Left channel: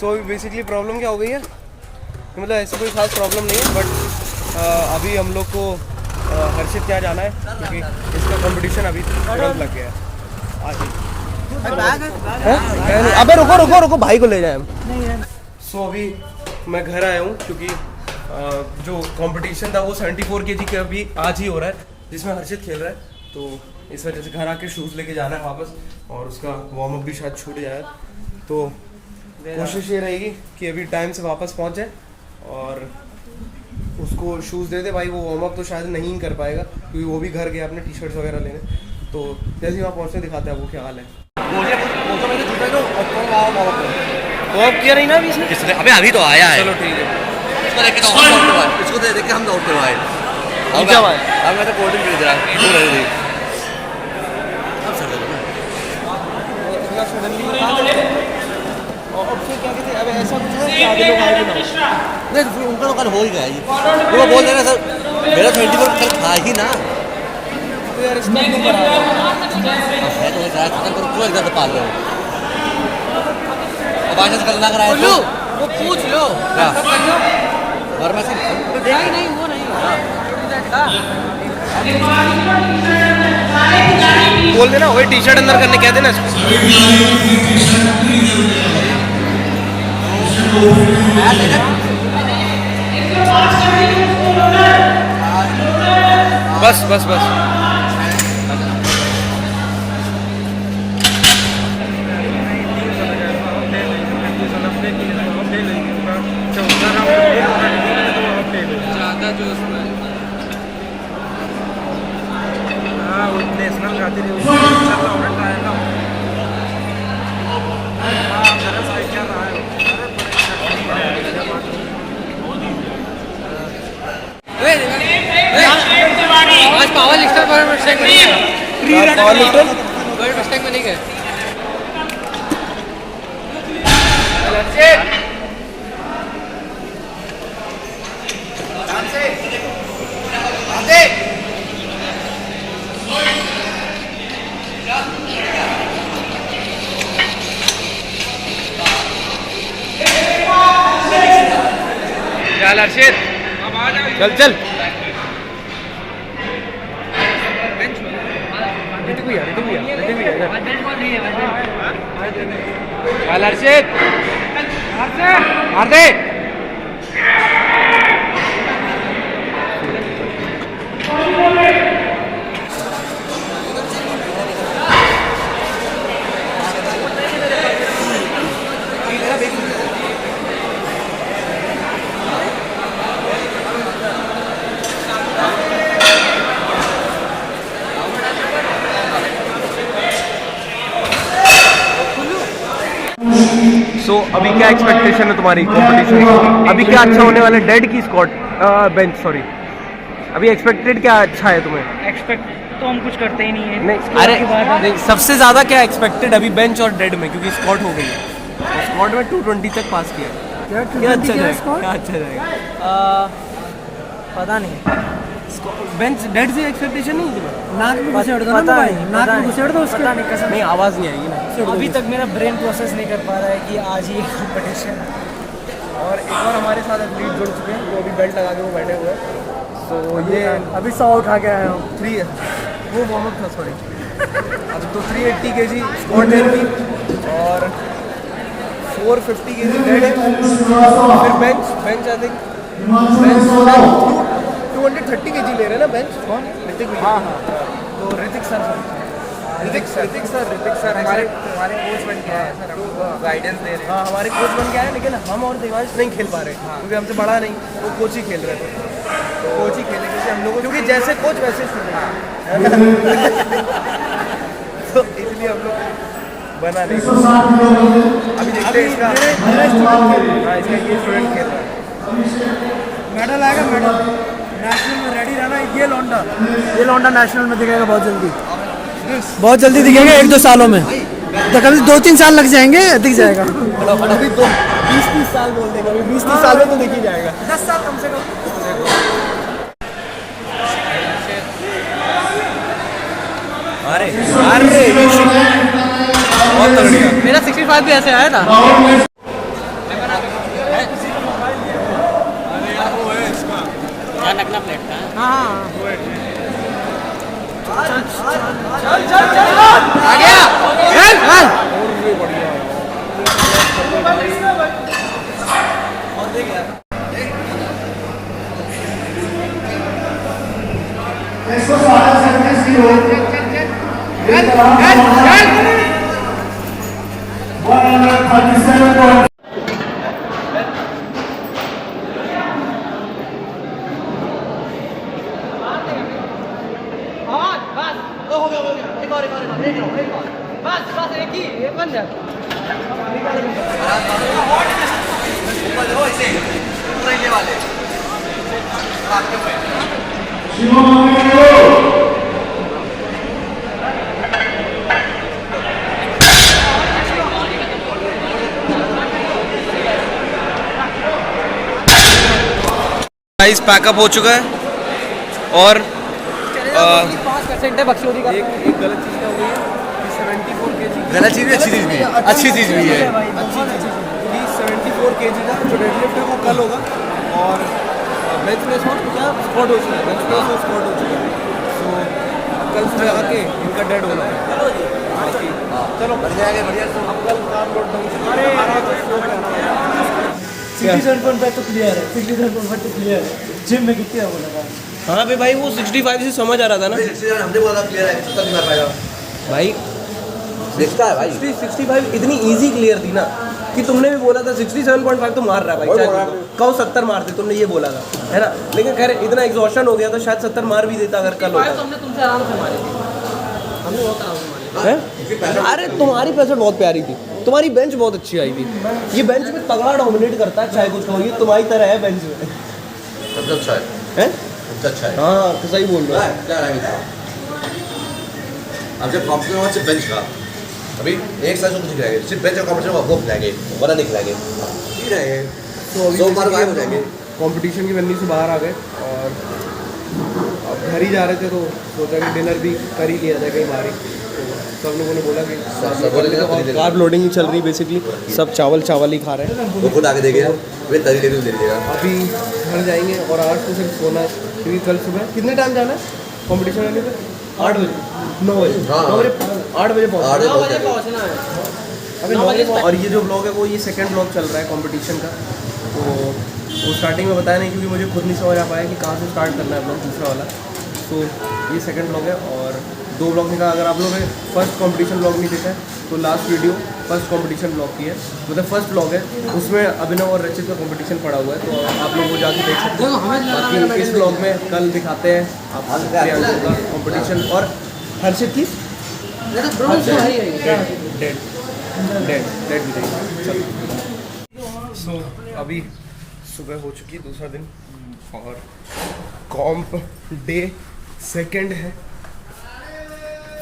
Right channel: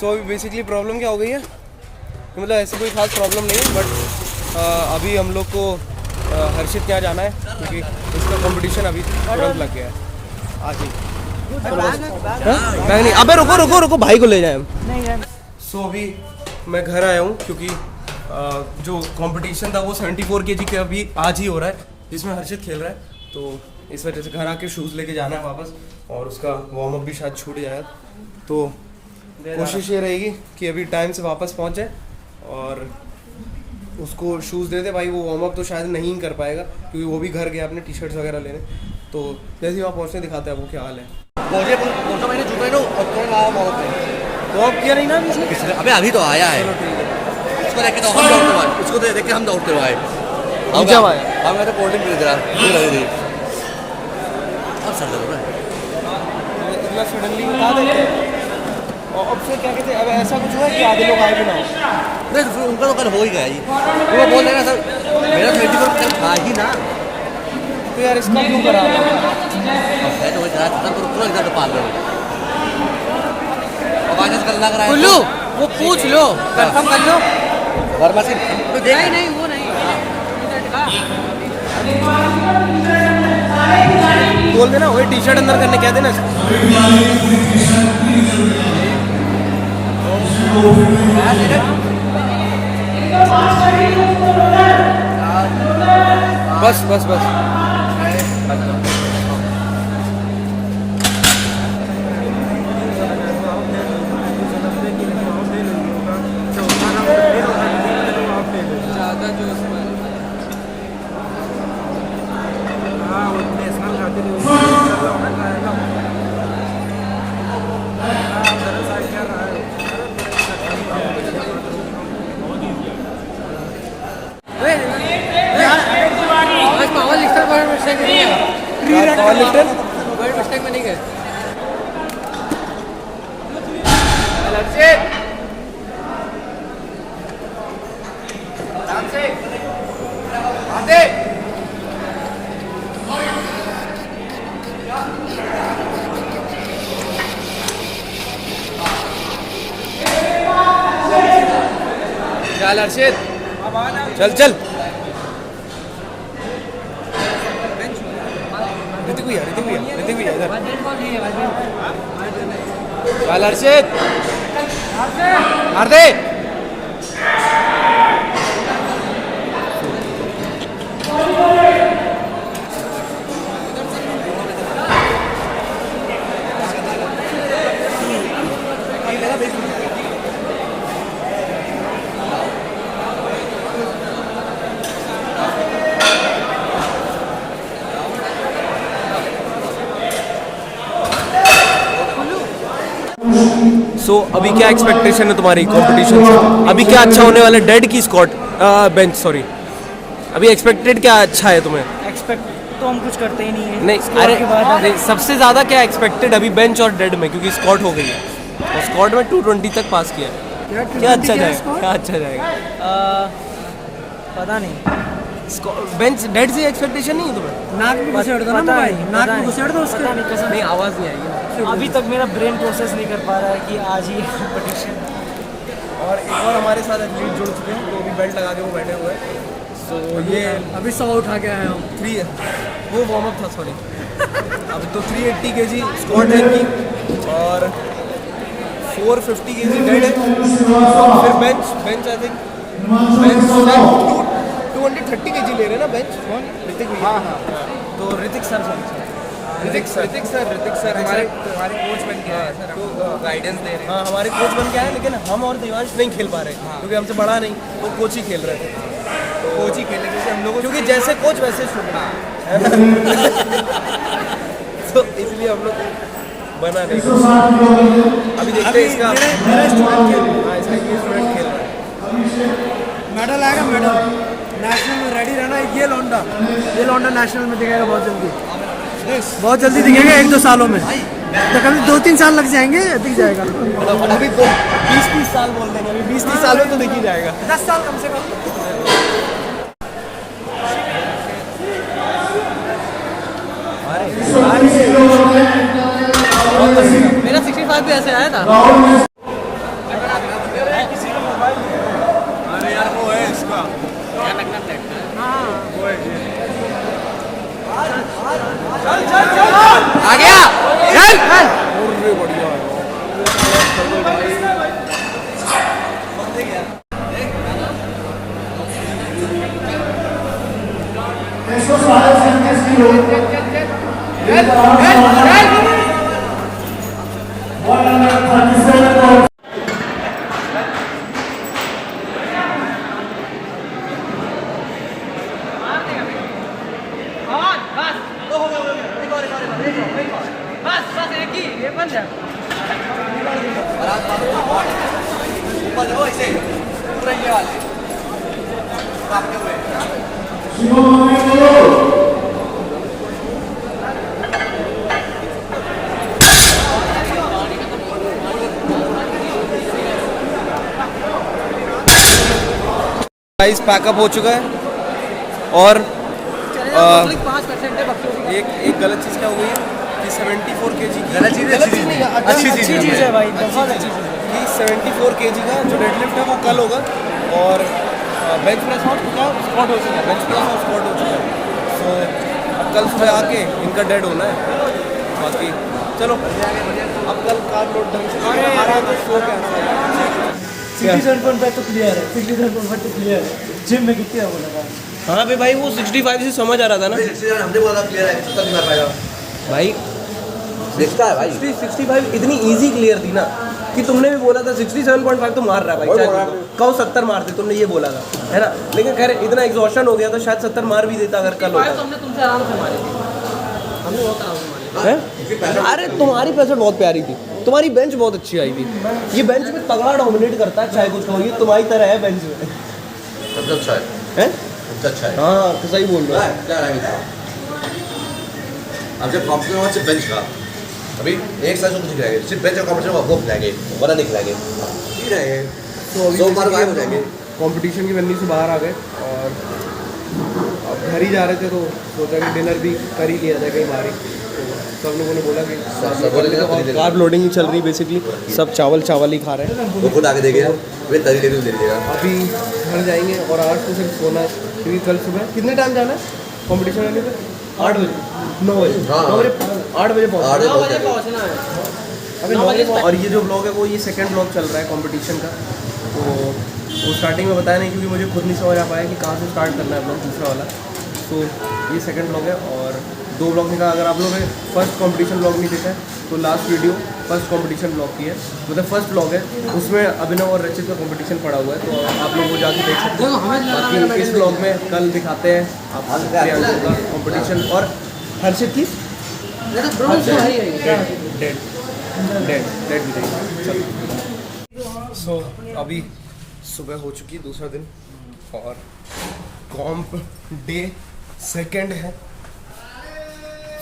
सो अभी basically problem क्या हो गई है, मतलब ऐसी कोई खास प्रॉब्लम नहीं है, बट अभी हम लोग को हर्षित क्या जाना है क्योंकि इसका कंपटीशन अभी तुरंत लग गया है आज ही। नहीं अबे रुको रुको रुको, भाई को ले जाए हम। सो अभी मैं घर आया हूँ क्योंकि जो कंपटीशन था वो 74 kg के अभी आज ही हो रहा है, जिसमें हर्षित खेल रहा है। तो इस वजह से घर आके शूज़ लेके जाना है वापस, और उसका वार्म अप भी शायद छूट जाए। तो कोशिश ये रहेगी कि अभी टाइम से वापस पहुँच जाए और उसको शूज़ दे दे। भाई वो वार्म अप तो शायद नहीं कर पाएगा क्योंकि वो भी घर गया अपने टी शर्ट्स वगैरह लेने। तो जैसे ही वहाँ पहुँचने दिखाते हैं वो क्या हाल है। वार्म किया नहीं ना अभी इसने? अबे अभी तो आया है। चलो ठीक है, इसको देख के तो हम दौड़ते हुए, इसको देख के हम दौड़ते हुए आए। अब मैं तो कोल्ड ड्रिंक खरीद रहा है, दूर रह रही। इतना सडनली और अब से क्या कहते हैं, अब ऐसा कुछ हुआ कि आधे लोग आए भी ना हो? नहीं तो फिर उनका तो कल हो ही गया जी। वो बोल देना सर मेरा 34 कल खा ही ना। तो यार इसका क्यों करा रहे हो? है तो क्या खत्म करो, पूरा एकदम पाल लो। अब आगे से कल ना कराए तो वो पूछ लो, कंफर्म कर लो। वर्मा सिंह नहीं वो नहीं। बोल देना वही टी शर्ट अंदर करने, कह देना इसको। बस बस बस आज पावर लिफ्टर पर मिस्टेक नहीं है। पावर लिफ्टर कोई मिस्टेक में नहीं है। चल हर्षित, चल चल। ऋतिक भैया इधर। चल हर्षित, मार दे। सो अभी क्या एक्सपेक्टेशन है तुम्हारी कंपटीशन से? अभी क्या अच्छा होने वाला है? डेड की स्क्वाट, बेंच सॉरी, अभी एक्सपेक्टेड क्या अच्छा है तुम्हें? एक्सपेक्ट तो हम कुछ करते ही नहीं है। नहीं अरे नहीं, सबसे ज़्यादा क्या एक्सपेक्टेड अभी बेंच और डेड में, क्योंकि स्क्वाट हो गई है और स्क्वाट में 220 तक पास किया है। क्या अच्छा जाएगा? क्या अच्छा जाएगा? पता नहीं। बेंच डेड से एक्सपेक्टेशन नहीं है तुम्हें? नाक में घुसेड़ दो ना, नाक में घुसेड़ दो उसके। पता नहीं, कसम नहीं आवाज़ नहीं आएगी ना। अभी तक मेरा ब्रेन प्रोसेस नहीं कर पा रहा है कि आज ही कंपटीशन। और एक और हमारे साथ एथलीट जुड़ चुके हैं, वो अभी बेल्ट लगा के वो बैठे हुए हैं। तो ये अभी 100 उठा के आया हूँ। 3 वो वार्म अप था सॉरी। अब तो 380 kg स्क्वाट है इनकी और 450 kg डेड है। फिर bench I think bench 230 kg ले रहे हैं ना बेंच। कौन? ऋतिक भैया। हाँ तो ऋतिक सर हमारे कोच बन गया है सर, हमको गाइडेंस दे रहे हैं। हाँ हमारे कोच बन गया है, लेकिन हम और देवांश नहीं खेल पा रहे क्योंकि हमसे बड़ा नहीं, वो कोच ही खेल रहे थे। तो कोच ही खेले क्योंकि हम लोग, क्योंकि जैसे कोच वैसे स्टूडेंट। तो इसलिए हम लोग बना नहीं। अभी देखते हैं इसका ये स्टूडेंट खेल रहा है। मेडल आएगा, मेडल नेशनल में रेडी रहना। ये लौंडा नेशनल में दिखेगा बहुत जल्दी दिखेगा, 1-2 सालों में। तो कभी 2-3 साल लग जाएंगे, दिख जाएगा। अभी 20-30 साल बोल देंगे, अभी 20-30 साल में तो दिख ही जाएगा। 10 साल कम से कम। अरे मेरा 65 भी ऐसे आया था। आ गया गाइस पैकअप हो चुका है और एक गलत चीज़ क्या हो गई है कि 74 kg गलत चीज़ अच्छी चीज़ नहीं है, अच्छी चीज़ नहीं है। अच्छी चीज़ 74 kg का जो डेडलिफ्ट है वो कल होगा और बेंच प्रेस और क्या स्क्वाट हो चुका है, बेंच प्रेस और स्क्वाट हो चुका है। सो अब कल सुबह आके उनका डेड होना है। बाकी चलो अब कल कार्ब लोड ढंग से आ रहा तो स्लो पे आना पड़ेगा। 67.5 तो क्लियर है, 67.5 तो क्लियर है। जिम में कितने वो लगा? हाँ भाई वो 65 से समझ आ रहा था ना हमने बोला था क्लियर है, 70 नहीं कर पाएगा भाई। दिखता है भाई। 65 इतनी इजी क्लियर थी ना कि तुमने भी बोला था 67.5 तो मार रहा है भाई, चाहे कहो 70 मारते, तुमने ये बोला था है ना। लेकिन खैर इतना एग्जॉशन हो गया तो शायद 70 मार भी देता अगर कल होता। हमने तुमसे आराम से मारी थी, हमने बहुत आराम से मारी। हैं? अरे तुम्हारी पैसेट बहुत प्यारी थी, तुम्हारी बेंच बहुत अच्छी आई थी। ये बेंच में तगड़ा डोमिनेट करता है, चाहे कुछ कहो, ये तुम्हारी तरह है बेंच में। सबसे अच्छा है, हैं? सबसे अच्छा है। हाँ सही बोल रहा है। क्या है अब जब कॉम्पिटिशन हुआ सिर्फ बेंच का, अभी एक साल कुछ दिख सिर्फ बेंच और कॉम्पिटिशन वो खिलाएंगे वरना नहीं खिलाएंगे, ठीक रहेंगे तो बार गायब हो जाएंगे। कंपटीशन की वन्नी से बाहर आ गए और अब घर ही जा रहे थे तो सोचा कि डिनर भी कर ही लिया जाए कहीं बाहर ही। तो सब लोगों ने बोला कि कार्ब लोडिंग ही चल रही बेसिकली, सब चावल ही खा रहे हैं। वो खुद आके देखेगा वे तरी दे देगा। अभी घर जाएंगे और आज तो सिर्फ सोना है क्योंकि कल सुबह कितने टाइम जाना है कंपटीशन आने पे? 8 बजे 9 बजे 8 बजे पहुँचना है। अभी 9 बजे। और ये जो ब्लॉग है वो ये सेकंड ब्लॉग चल रहा है कंपटीशन का। तो वो स्टार्टिंग में बताया नहीं क्योंकि मुझे खुद नहीं समझ आ पाया कि कहाँ से स्टार्ट करना है ब्लॉग दूसरा वाला। तो ये सेकंड ब्लॉग है और 2 ब्लॉग निकाला। अगर आप लोगों ने फर्स्ट कंपटीशन ब्लॉग नहीं देखा है तो last video first competition blog की है, मतलब फर्स्ट ब्लॉग है, उसमें अभिनव और रचित का कंपटीशन पड़ा हुआ है तो आप लोग वो जाके देख सकते हैं। बाकी इस ब्लॉग में कल दिखाते हैं आपको प्रियांशु का कंपटीशन और हर्षित की डेड भी चलो। सो अभी सुबह हो चुकी है, दूसरा दिन और कॉम्प डे सेकंड है।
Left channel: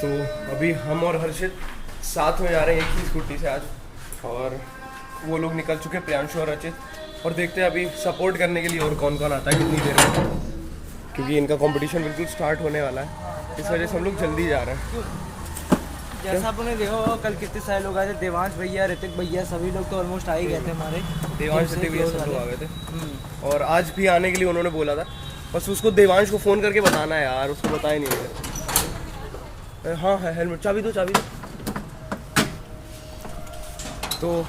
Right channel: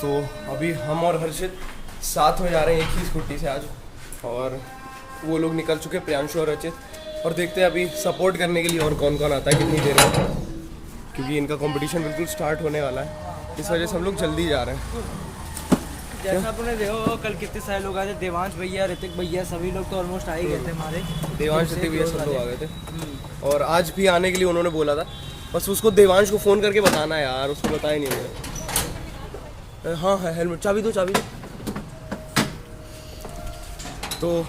तो अभी हम और हर्षित साथ में जा रहे हैं एक ही स्कूटी से आज और वो लोग निकल चुके हैं प्रियांशु और रचित। और देखते हैं अभी सपोर्ट करने के लिए और कौन कौन आता है कितनी देर में, क्योंकि इनका कंपटीशन बिल्कुल स्टार्ट होने वाला है, इस वजह से हम लोग जल्दी जा रहे हैं। जैसा आपने देखा होगा कल कितने सारे लोग आए थे, देवांश भैया, ऋतिक भैया, सभी लोग तो ऑलमोस्ट आ ही गए थे हमारे। देवांश ऋतिक भैया सब लोग आ गए थे और आज भी आने के लिए उन्होंने बोला था, बस उसको देवांश को फ़ोन करके बताना है यार, उसको बताया नहीं उन्होंने। हाँ है हेलमेट, चाबी दो। तो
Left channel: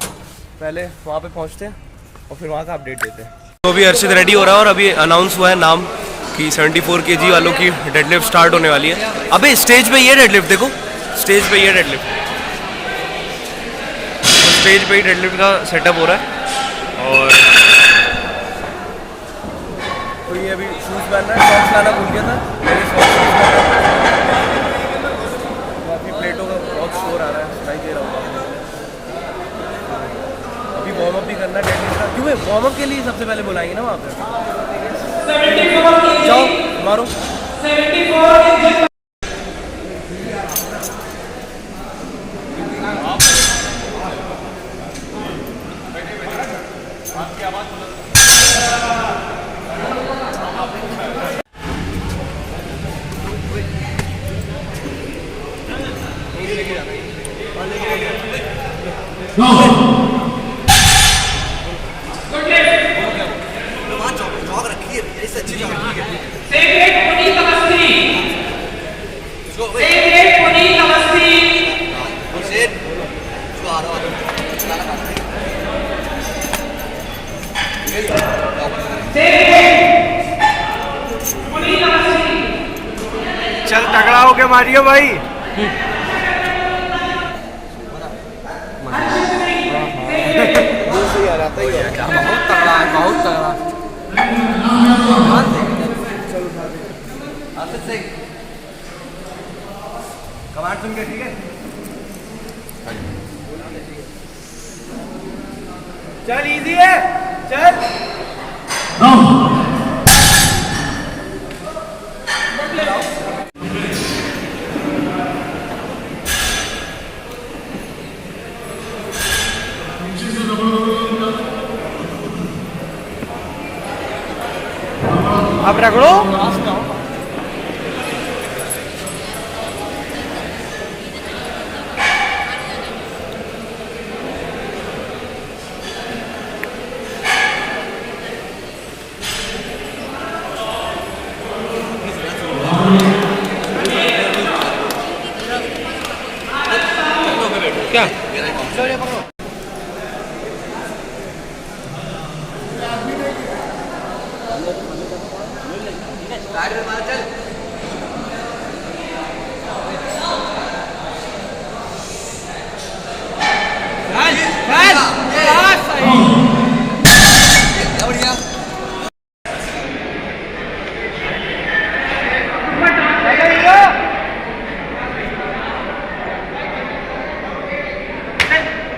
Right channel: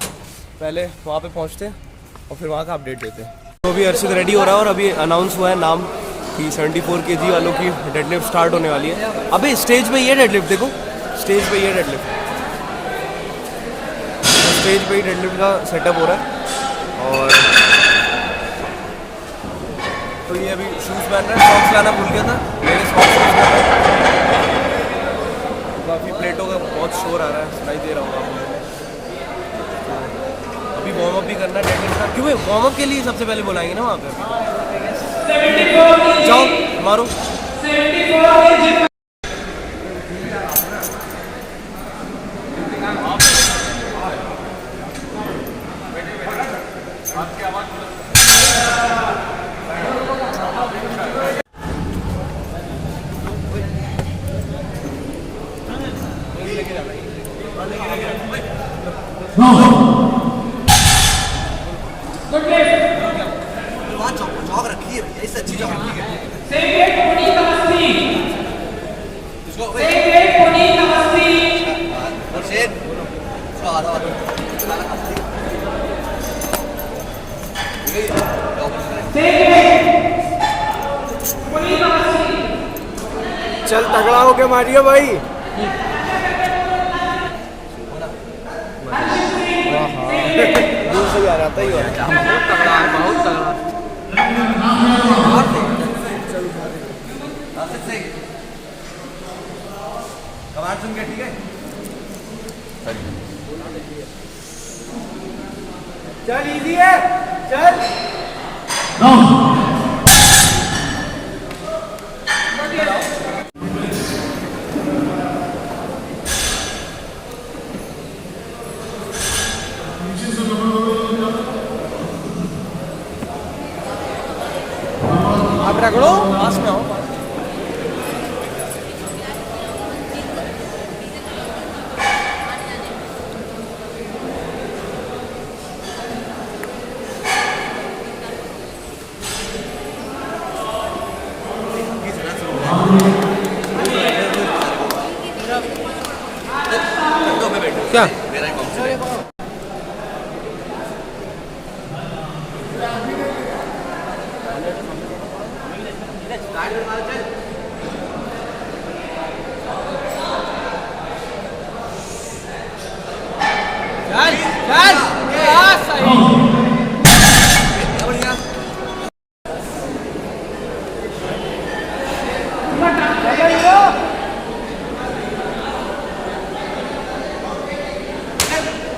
पहले वहाँ पे पहुँचते हैं और फिर वहाँ का अपडेट देते हैं। तो अभी हर्षित रेडी हो रहा है और अभी अनाउंस हुआ है नाम कि 74 kg वालों की डेडलिफ्ट स्टार्ट होने वाली है। अबे स्टेज पे ये डेडलिफ्ट देखो, स्टेज पे ये डेडलिफ्ट, तो स्टेज पे ही डेडलिफ्ट का सेटअप हो रहा है। और तो ये अभी शूज़ पहन रहा है, सॉक्स लाना भूल गया था, मेरे सॉक्स यूज़ कर रहा है। काफ़ी प्लेटों का बहुत शोर आ रहा है, सुनाई दे रहा होगा आपको। अभी वार्म अप भी करना है डेडलिफ्ट का, क्योंकि वार्म अप के लिए सबसे पहले बुलाएंगे ना वहाँ पे। जाओ मारो। जॉग रखी है भैया, इससे अच्छी जॉग रखी है। चल तगड़ा होके मारियो भाई। दूर से ही आ जाता ही हो रहा है। कमार चुन के, ठीक है। चल इजी है, चल। आप रगड़ो, पास में आओ। क्या?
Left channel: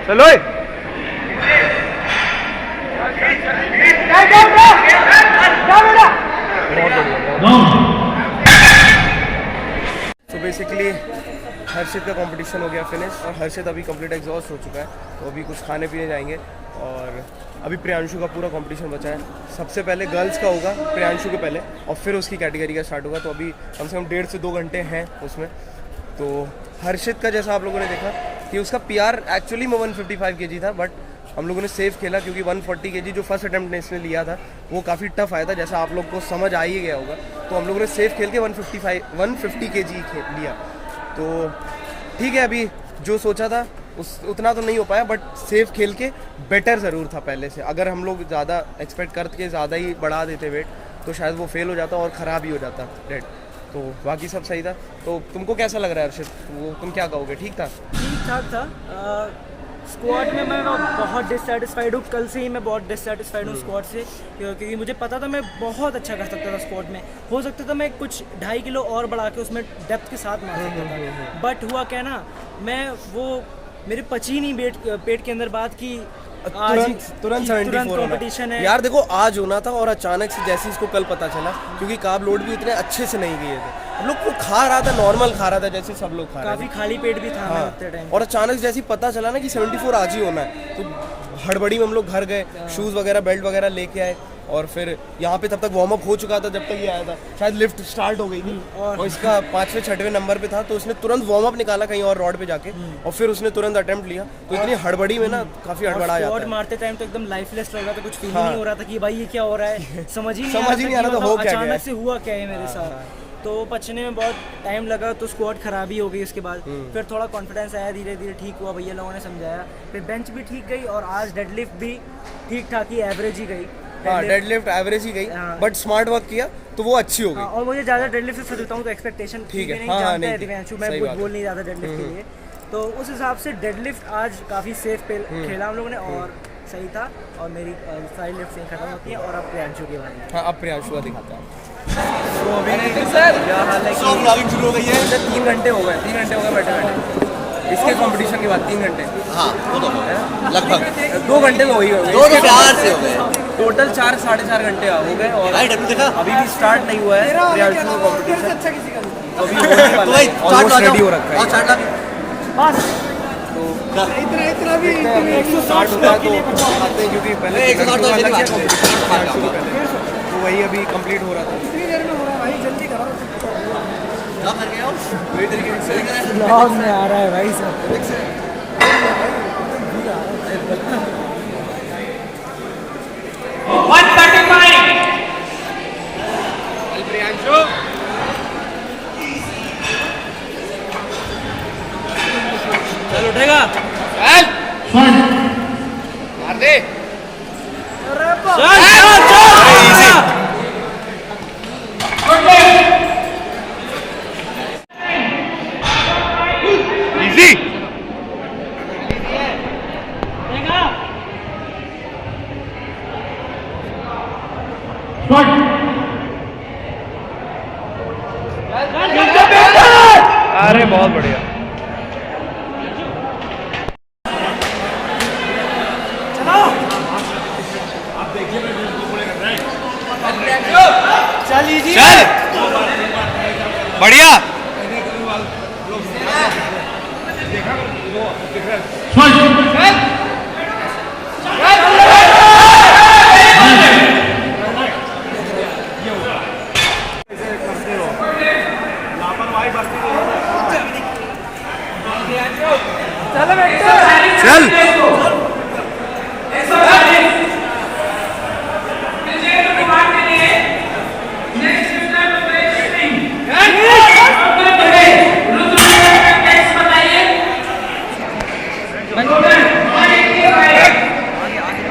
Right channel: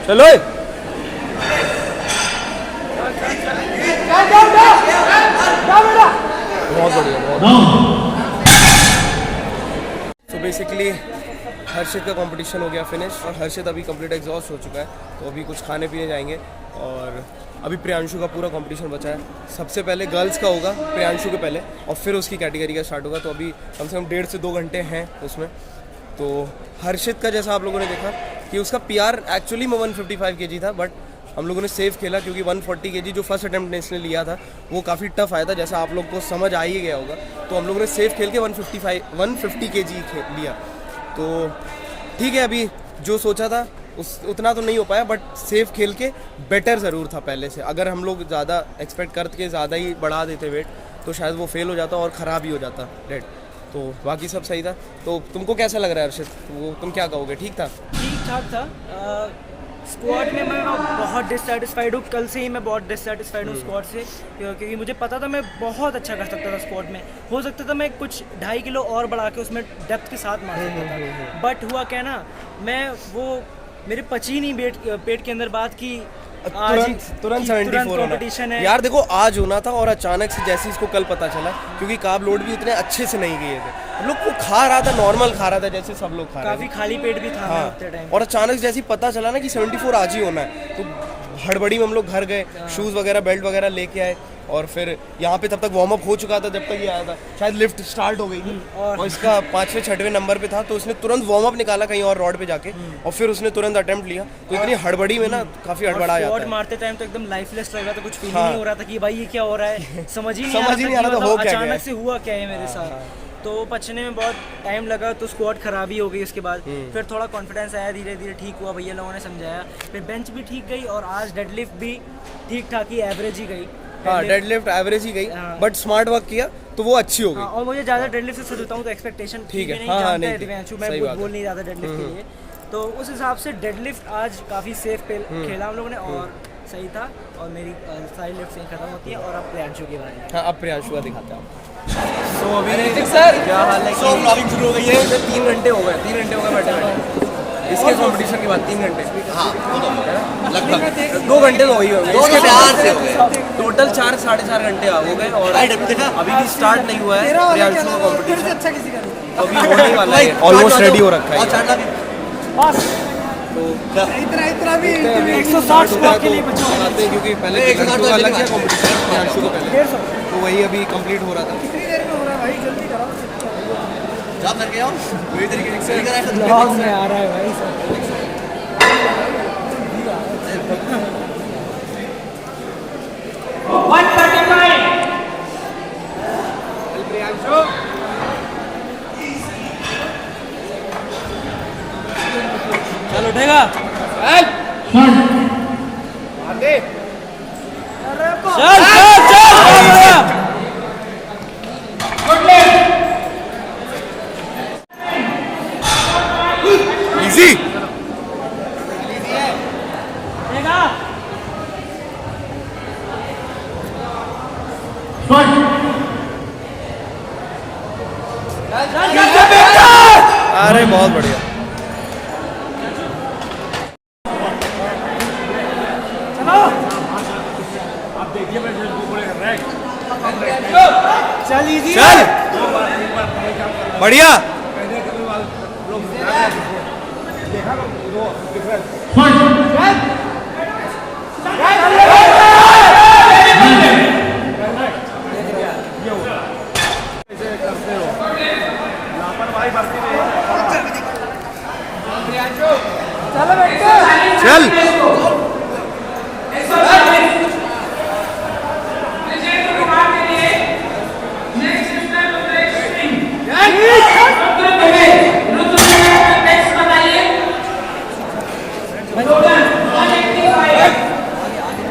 चलो तो बेसिकली हर्षित का कंपटीशन हो गया फिनिश और हर्षित अभी कंप्लीट एग्जॉस्ट हो चुका है, तो अभी कुछ खाने पीने जाएंगे और अभी प्रियांशु का पूरा कंपटीशन बचा है। सबसे पहले गर्ल्स का होगा प्रियांशु के पहले और फिर उसकी कैटेगरी का स्टार्ट होगा, तो अभी कम से कम 1.5 से 2 घंटे हैं उसमें। तो हर्षित का जैसा आप लोगों ने देखा कि उसका पीआर एक्चुअली में 155 kg था, बट हम लोगों ने सेव खेला क्योंकि 140 kg जो फर्स्ट अटेम्प्ट ने इसने लिया था वो काफ़ी टफ आया था, जैसा आप लोग को समझ आ ही गया होगा। तो हम लोगों ने सेव खेल के 150 kg लिया। तो ठीक है, अभी जो सोचा था उतना तो नहीं हो पाया, बट सेव खेल के बेटर ज़रूर था पहले से। अगर हम लोग ज़्यादा एक्सपेक्ट करके ज़्यादा ही बढ़ा देते वेट तो शायद वो फेल हो जाता और ख़राब ही हो जाता डेड। तो बाकी सब सही था। तो तुमको कैसा लग रहा है हर्षित? वो तुम क्या कहोगे, ठीक था? ठीक ठाक था। स्क्वाड में मैं बहुत डिससेटिस्फाइड हूँ, कल से ही मैं बहुत डिससेटिस्फाइड हूँ स्क्वाड से, क्योंकि मुझे पता था मैं बहुत अच्छा कर सकता था स्क्वाड में। हो सकता था मैं कुछ 2.5 किलो और बढ़ा के उसमें डेप्थ के साथ मार सकता था, बट हुआ क्या ना, मैं वो मेरे पची नहीं पेट के अंदर बात की तुरंत 74 कंपटीशन है यार। देखो आज होना था और अचानक से जैसे इसको कल पता चला, क्योंकि कार्ब लोड भी उतने अच्छे से नहीं किए थे, हम लोग को खा रहा था, नॉर्मल खा रहा था जैसे सब लोग खा रहे थे, काफी खाली पेट भी था। हाँ। उतने टाइम और अचानक जैसे पता चला ना कि 74 आज ही होना है, तो हड़बड़ी में हम लोग घर गए, शूज वगैरह बेल्ट वगैरह लेके आए और फिर यहाँ पे तब तक वार्म अप हो चुका था जब तक ये आया था, शायद लिफ्ट स्टार्ट हो गई थी और इसका 5वें 6वें नंबर पे था, तो उसने तुरंत वार्म अप निकाला कहीं और रोड पे जाके और फिर उसने तुरंत अटेम्प्ट लिया। तो इतनी हड़बड़ी में ना काफी हड़बड़ा जाता है। मारते टाइम तो एकदम लाइफलेस लग रहा था, कुछ फील नहीं हो रहा था कि भाई ये क्या हो रहा है, समझ ही नहीं आ रहा था अचानक से हुआ क्या है मेरे साथ। तो पचने में बहुत टाइम लगा, तो स्क्वाड खराब ही हो गई उसके बाद। फिर थोड़ा कॉन्फिडेंस आया, धीरे धीरे ठीक हुआ, भैया लोगों ने समझाया, फिर बेंच भी ठीक गई और आज डेडलिफ्ट भी ठीक ठाक ही एवरेज ही गई। डेडलिफ्ट एवरेज ही गई, बट स्मार्ट वर्क किया तो वो अच्छी हो गई। और मुझे ज्यादा डेडलिफ्ट से सोचता हूँ तो एक्सपेक्टेशन ठीक है, नहीं जानता है दिव्यांशु, मैं कुछ बोल नहीं रहा था डेडलिफ्ट के लिए, तो उस हिसाब से डेडलिफ्ट आज काफी सेफ खेला हम लोगों ने और सही था। और मेरी सारी लिफ्ट यहीं खत्म होती है और अब प्रियांशु के बारे में। हाँ, अब प्रियांशु का दिखाता हूँ। तो अभी क्या हाल है, ब्लॉगिंग शुरू हो गई है। 3 घंटे हो गए, 3 घंटे हो गए बैठे बैठे इसके कंपटीशन के बाद। 3 घंटे, हाँ लगभग 2 घंटे में वही हो गए, 2 से 4 से हो गए, टोटल 4 साढ़े 4 घंटे हो गए और अभी भी स्टार्ट नहीं हुआ है प्रियांशु का कंपटीशन, अभी होने वाला है, ऑलमोस्ट रेडी हो रखा है बस। तो अभी 160 होता है तो आते हैं, क्योंकि पहले लड़कियों का अलग है कंपटीशन प्रियांशु के पहले, तो वही अभी कंप्लीट हो रहा था। कितनी देर में हो रहा है भाई, जल्दी करो। क्या कर गया पूरी तरीके से ब्लॉग में आ रहा है भाई सब। चल उठेगा, चल अरे बहुत बढ़िया। चल इजी चल बढ़िया। चल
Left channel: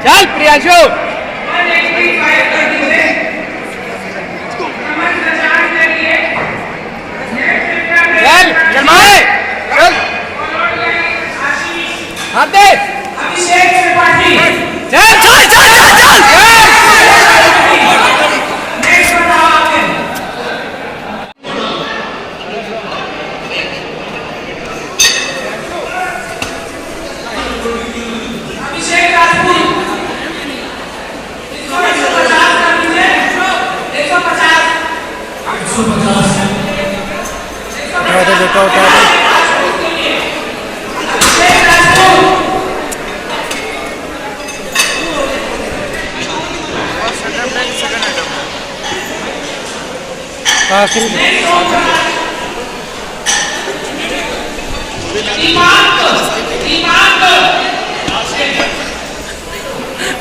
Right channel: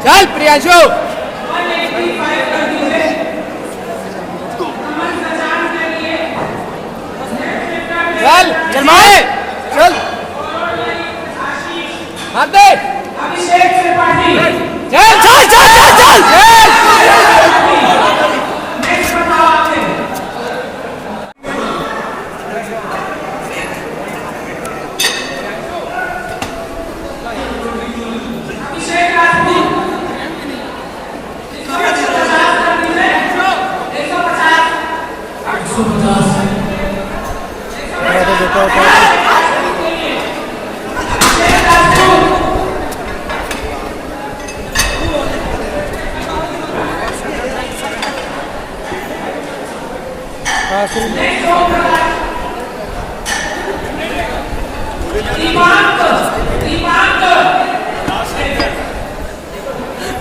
चल प्रियांशु। चल चल माए चल हाथ दे। चल चल चल चल चल बेटा उठा दे।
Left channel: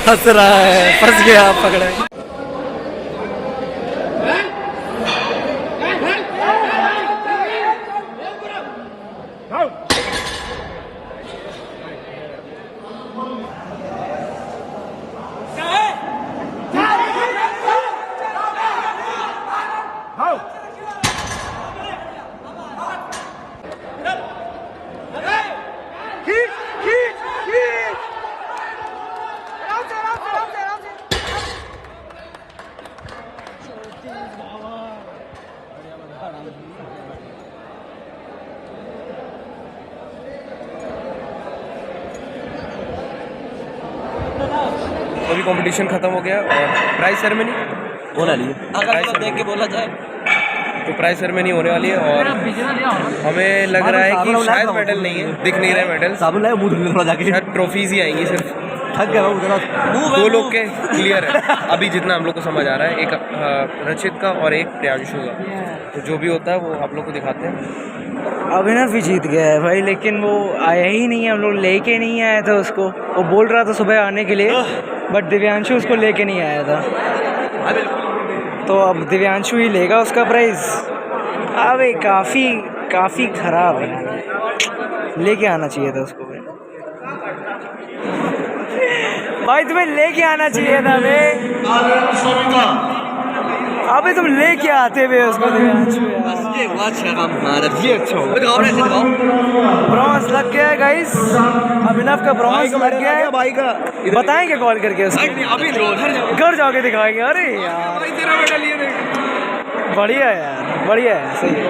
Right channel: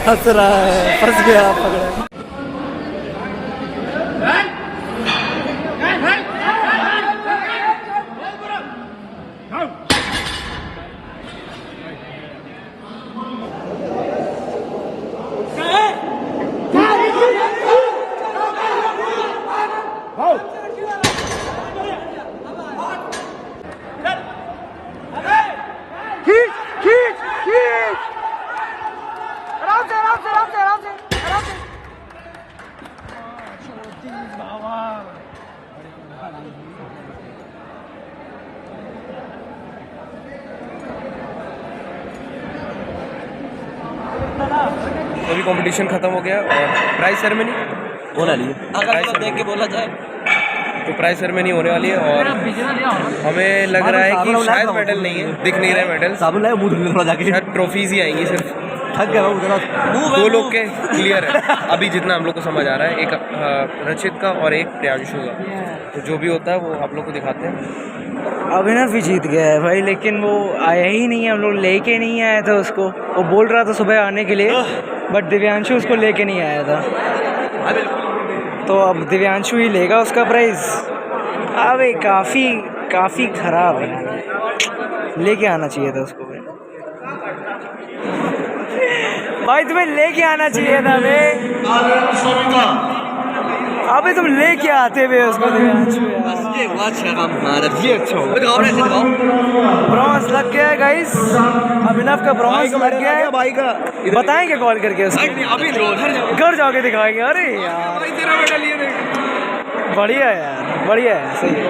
हंस रहा है, फंस गया, पकड़ा। अभी कंपटीशन खत्म हो गया और प्राइज सेरेमनी होने वाली है। अगर देख के बोला जाए तो प्राइज सेरेमनी होने वाली है और हमें लग रहा है कि शायद मेडल नहीं है, दिख नहीं रहा है मेडल। साबुन लाए मुंह धुलने थोड़ा जाके। शायद ट्रॉफीज ही आएंगी सिर्फ। थक गया मैं उधर। दो लोग के क्लियर है अभी जितना हम लोग को समझ आ रहा है, एक रचित का और एक प्रियांशु का। तो जो भी होता है वो आप लोग को दिखाते हैं। अभिनव भी जीत गया है भाई, लेकिन वो आया ही नहीं है, हम लोग लेके नहीं आए थे उसको। वो बोल रहा था सुबह आने के लिए, बट दिव्यांशु उसको लेके नहीं आया था। तो अब दिव्यांशु ही लेगा उसका प्राइज। अबे काफ़ी ख़राब है, लेके आना चाहिए था उसको भाई, तुम्हें लेके आना चाहिए था अबे तुम लेके आते हुए उसको दिव्यांशु। ब्रॉन्ज लग गया है गाइस, अभिनव का ब्रॉन्ज लग गया है। भाई का बताएंगे कॉल करके उसको, घर जाके दिखाएंगे। अरे यार बढ़िया है यार, बढ़िया है, सही है।